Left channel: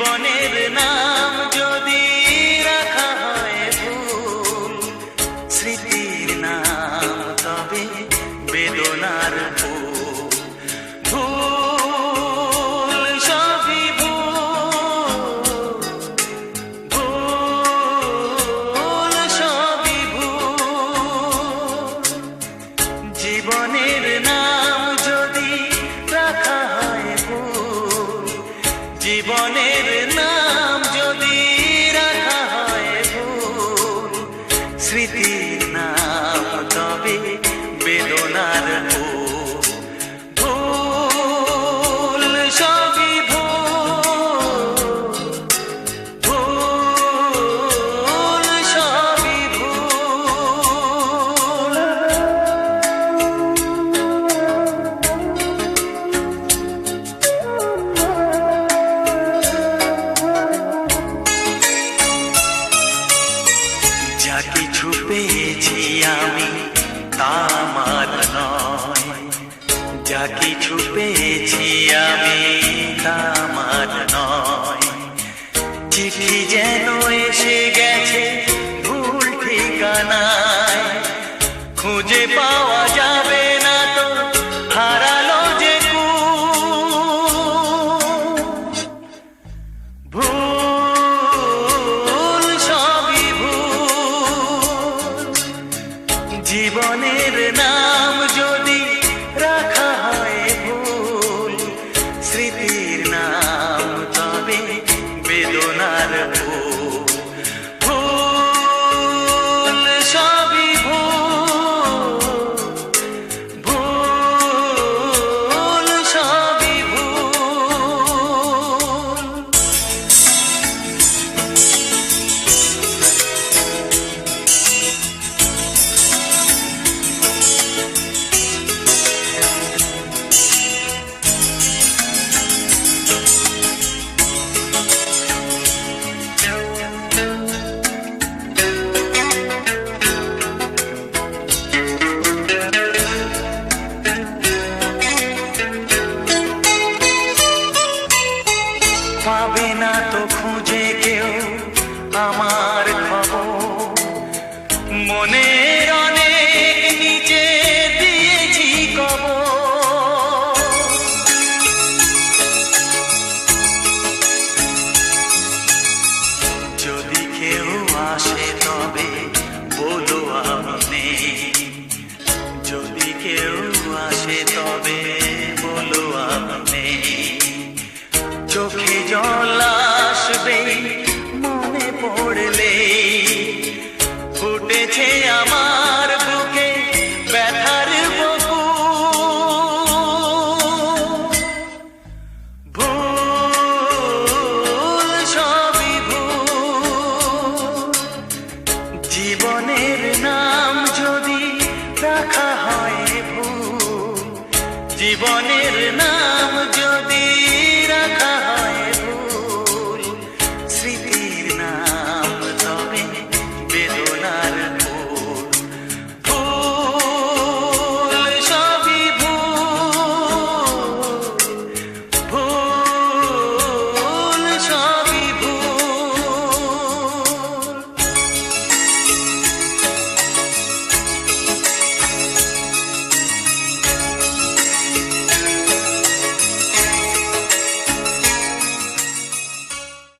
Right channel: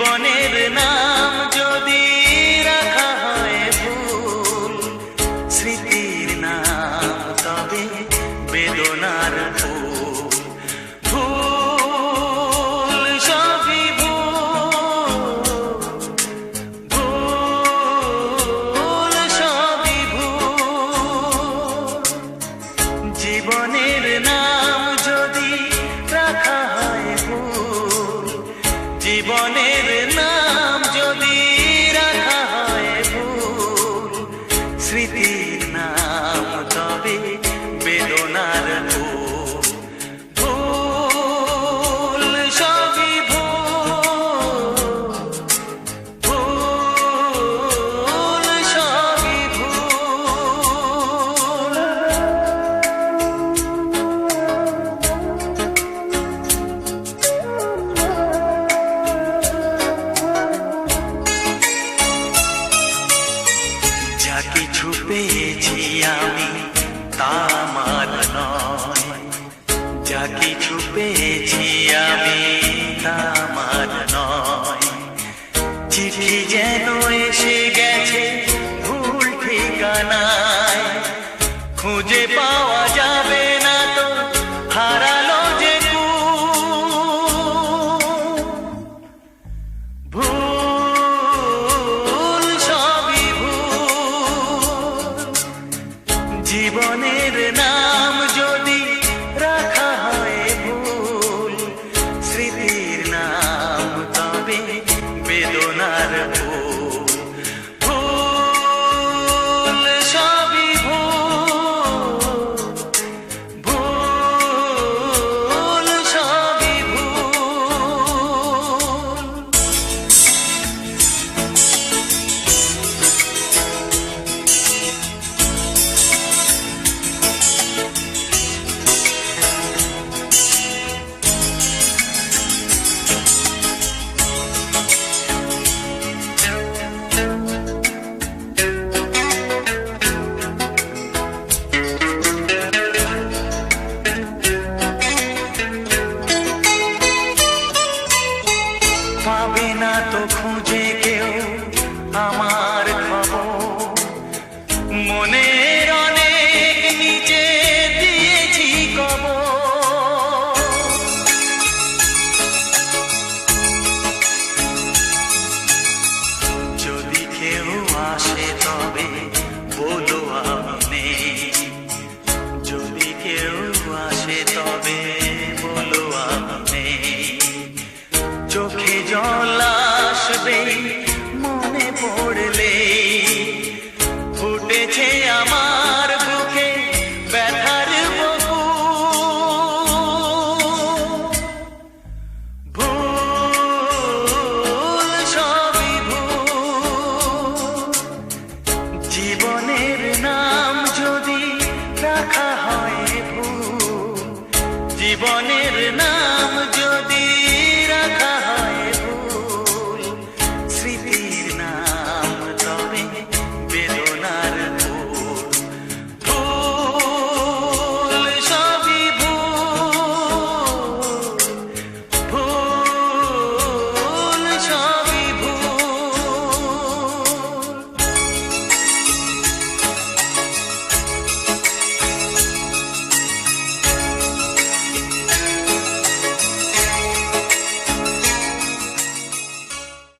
জীবনের নাম যদি রাখা হয় ভুল স্মৃতির নাম তবে বেদনার ভুল। স্মৃতির আমি তা আমার নয়। যা কিছু পেয়েছি আমি তামার নয়। চিঠি যেন এসে গেছে পাবে না তো খুঁজে কেউ আমার খবর। কবর যদি কেউ আসে তবে বলো যদি কেউ আসে তবে বলো আমি জল আসবে মনে পড়লে ফুটেছে আমার বুকে ব্যথার বকু ভুল সবই ভুল। জীবনের নাম যদি রাখা হয় ভুল, জীবনের নাম